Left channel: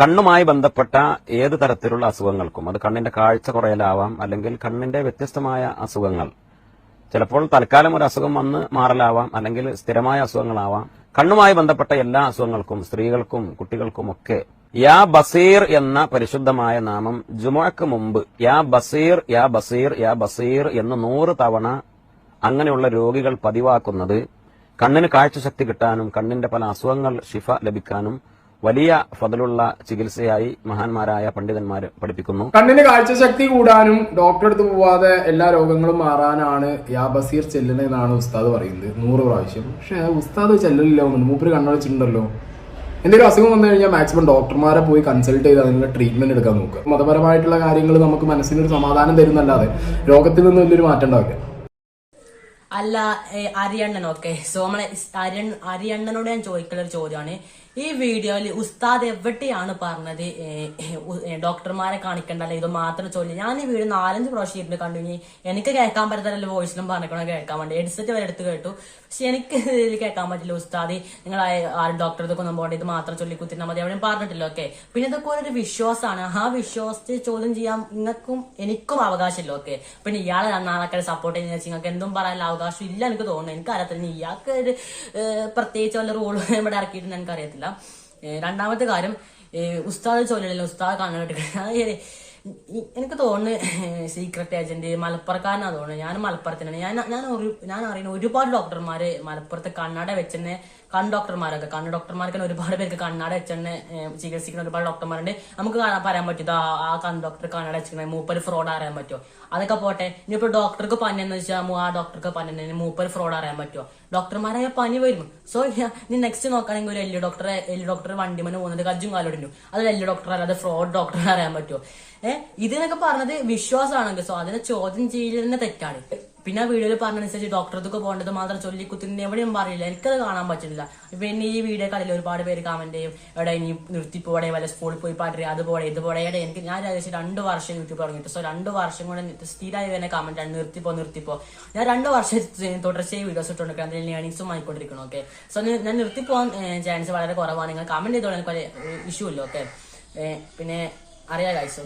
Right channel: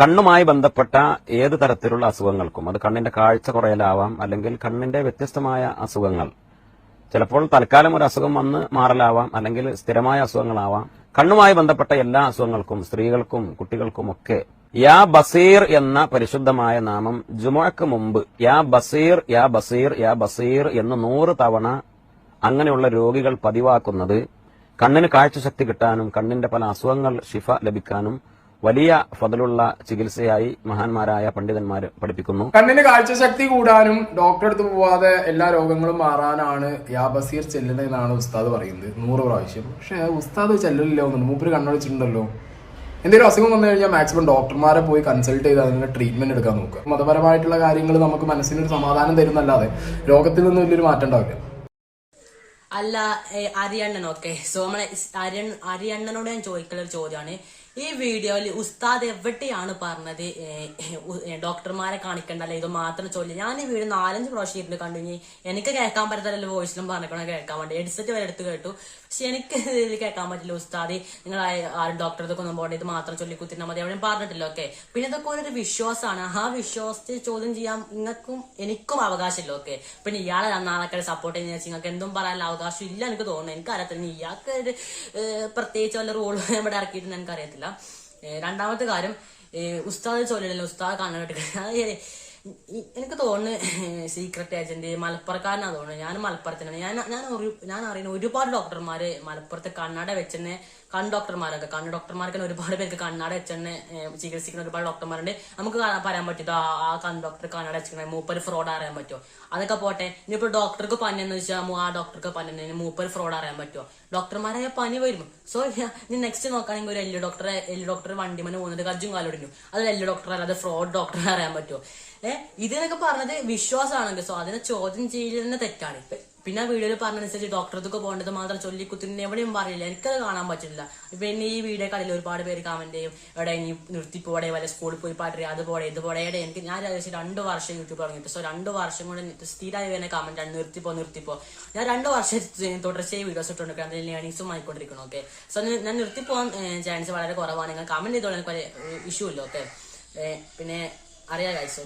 കണ്ണുമായി ബന്ധപ്പെട്ട ഏത് തരത്തിലുള്ള അസുഖങ്ങൾക്കും, അത് കണ്ണിന്റെ കാഴ്ച കുറയലാവാം, അല്ലെങ്കിൽ കണ്ണിന്റെ വ്യത്യസ്തമായ അസുഖങ്ങൾ, ചിലപ്പോൾ തൽക്കാലം ഒരു അസുഖം വന്ന് മാറലാവാം, അല്ലെങ്കിൽ സ്ഥിരമായ അസുഖങ്ങളാവാം. കണ്ണുമായി ബന്ധപ്പെട്ട എല്ലാ അസുഖങ്ങൾക്കും സ്ത്രീകൾക്കും യാ ബസീർ എന്ന പരിശുദ്ധമായ നാമം ജുമുഅക്ക് മുമ്പ് യാ ബസീർ യാ ബസീർ യാ ബസീർ എന്ന് 100 തവണ അങ്ങനെയുള്ള രോഗികൾ പതിവാക്കുന്നത് കണ്ണിന് കാഴ്ചശക്തി കിട്ടാനും കണ്ണിന്റെ പല അസുഖങ്ങൾ ശിഫ ലഭിക്കാനും വലിയ ഫദലുള്ള ചികിത്സയായി മഹാന്മാരായ പണ്ഡിതന്മാർ പഠിപ്പിക്കുന്നു. കണ്ണിന് കാഴ്ചശക്തി കൂടാനും ഡോക്ടറെ അടുത്ത് പോവാതെ എല്ലാ രോഗങ്ങളും മാറാനാണ് യാ ബസീർ ചെല്ലണെന്നാണ് ഉസ്താദ് പറയുന്നത് 100 പ്രാവശ്യം. പക്ഷെ ഉസ്താദ് ചെല്ലലില്ല, മൂപ്പര് കണ്ണടച്ചിട്ടുണ്ടല്ലോ. എന്തെങ്കിലും അസുഖം വന്നു കഴിഞ്ഞാൽ മാക്സിമം ഡോക്ടർമാരെ പോയി കൺസൾട്ട് ചെയ്ത് അതിനുള്ള ട്രീറ്റ്മെന്റ് എടുക്കാൻ നോക്കുക. മതപരമായിട്ടുള്ള കാര്യങ്ങൾ നമുക്ക് മനസ്സിനൊരു സമാധാനം തരുന്നല്ലാതെ രോഗത്തിൽ നിന്ന് വലിയൊരു മാറ്റം ഉണ്ടാവില്ല. അല്ല അരിയണ്ണനൊക്കെ സോ നമ്മളെ അരിയണ്ണനോട് ഞാൻ ചോദിക്കുന്ന ഒരു ചോദ്യമാണ്, ഈ വീഡിയോയിൽ ഉസ്താദ് എവിടെയാണ് പറഞ്ഞത് ഡോക്ടർമാരെ കാണിക്കണ്ടല്ലോ, ഇത് മാത്രം ചൊല്ലി? ഞാൻ ഈ വീഡിയോ 4-5 പ്രാവശ്യം ഇരുന്ന് കണ്ടു. എനിക്ക് കേൾക്കാൻ പറ്റത്തില്ല, വോയിസിലും പറഞ്ഞിക്കണോ കേൾക്കാൻ വേണ്ടി ഹെഡ്സെറ്റ് വരെ എടുത്ത് കേട്ടു. പക്ഷെ എനിക്ക് ഇതിൽ കേൾക്കാൻ പറ്റില്ല. ഉസ്താദ് നിങ്ങൾ ആരും ഡോക്ടർക്ക് ഒന്നും പോകേണ്ട, ഇത് മാത്രം ചൊല്ലി കുത്തിരുന്നാൽ മതി എവിടെയും പറഞ്ഞിട്ടില്ല. ഓക്കെ, പിന്നെ ഇതൊക്കെ ഒരു വിശ്വാസമാണ്. ആ വിശ്വാസത്തെ ചോദ്യം ചെയ്യാൻ നിങ്ങൾക്കും എനിക്കും അവകാശമില്ല. ഓക്കെ, പിന്നെ ഇയാളെ നാളെ സപ്പോർട്ട് ചെയ്യുന്ന നിങ്ങൾക്ക് എന്തും പറയാനുള്ള അവകാശം ഇല്ല എനിക്ക് തോന്നുന്നു. എനിക്കറിയത്തില്ല, ഇയാൾക്ക് ഒരു പ്രത്യേകിച്ച് വല്ല റൂൾ ഇവിടെ ഇറക്കിയിട്ടുണ്ട് എനിക്കറിയത്തില്ല. രണ്ടാമത്തെ കാര്യം, ഉസ്താദ് ചൊല്ലല്ലോ, ഉസ്താദ് കണ്ണുകെട്ടി എനിക്ക് തോന്നുന്നു സീക്രട്ട് ഏജന്റ് മലപ്പുറക്കാരനാ തോന്നുന്നു. ഞാൻ മലപ്പുറത്തിനാണ്. ഞാൻ അറിയുന്ന ഒരുപാട് ഡോക്ടർമാര് മലപ്പുറത്ത് കണ്ണട വെച്ചെന്നെ കണ്ണ് ഡോക്ടർമാർക്ക് ഒരുപാട് പേർക്ക് കണ്ണട വെച്ചെന്നെ ചികിത്സിക്കുന്ന ഒരുപാട് ഡോക്ടർമാരുണ്ട്. നമുക്ക് പറയാൻ പറ്റും ആ കണ്ണ് ഡോക്ടർ കണ്ണട വെച്ചിരിക്കണേ മൂപ്പര് ഫ്രോഡ് അറിയാൻ പറ്റുമോ? അതൊക്കെ പോട്ടെ. ഇനിയിപ്പോ ഡോക്ടർക്ക് പനി എന്ന് വെച്ചാൽ ആ ഡോക്ടർക്ക് പനി മൂപ്പര് ഫ്രോഡ് അറിയാൻ പറ്റുമോ? ഡോക്ടർമാരായ പനി വരും. സോ നീ നെക്സ്റ്റ് നോക്കുകയാണെങ്കിൽ ഒരു എല്ല് ഡോക്ടർ വണ്ടിമന് പോകുന്നത് കജ്ജും കാലോടിഞ്ഞു, അത് എല്ല് ഡോക്ടർ അല്ലാതെ ഫ്രോഡ് ഡോക്ടറെ അറിയാൻ പറ്റുമോ? ഇതിനൊക്കെ പറഞ്ഞത് വിശ്വാസമാണെങ്കിൽ സോ അതിനെ ചോദ്യം ചെയ്യലിന് തെറ്റാണ്. പിന്നെ ആ വീഡിയോയിൽ പറഞ്ഞനുസരിച്ച് ഡോക്ടർക്ക് പോകേണ്ടത് മാത്രം ചൊല്ലിക്കുത്തിന് എവിടെയും പറയില്ല, എനിക്കത് കാണാൻ പറ്റില്ല. പിന്നെ ഈ വീഡിയോ കടയിൽ ഒരുപാട് പേര് കമന്റ് ചെയ്യും, എവിടെ ഇനി നിർത്തിപ്പോടെ വല്ല സ്കൂളിൽ പോയി പാട്ട് അതുപോലെ ഇതുപോലെ. എനിക്ക് ഞാൻ ഏകദേശം 2 വർഷം യൂട്യൂബ് തുടങ്ങിയിട്ട്, സോ 2 വർഷം കൊണ്ട് സ്ഥിരമായി വരുന്ന കമന്റ് ആണ് നിർത്തിപ്പോ. ഞാൻ 2 വർഷം തുടർച്ചയായി വീഡിയോസ് ഇട്ടുകൊണ്ടിരിക്കണം, അതിൽ ഏണിങ്സും ആയിക്കൊണ്ടിരിക്കണം. ഓക്കെ, സോ ഞാൻ നിർത്തിപ്പോകാൻ ചാൻസ് വളരെ കുറവാണ്. നിങ്ങൾ കമന്റ് ചെയ്തോളാം, എനിക്ക് ഇഷ്യൂ ഇല്ല. ഓക്കെ, പിന്നെ അറിയാം ഗൈസ്. ഓക്കെ.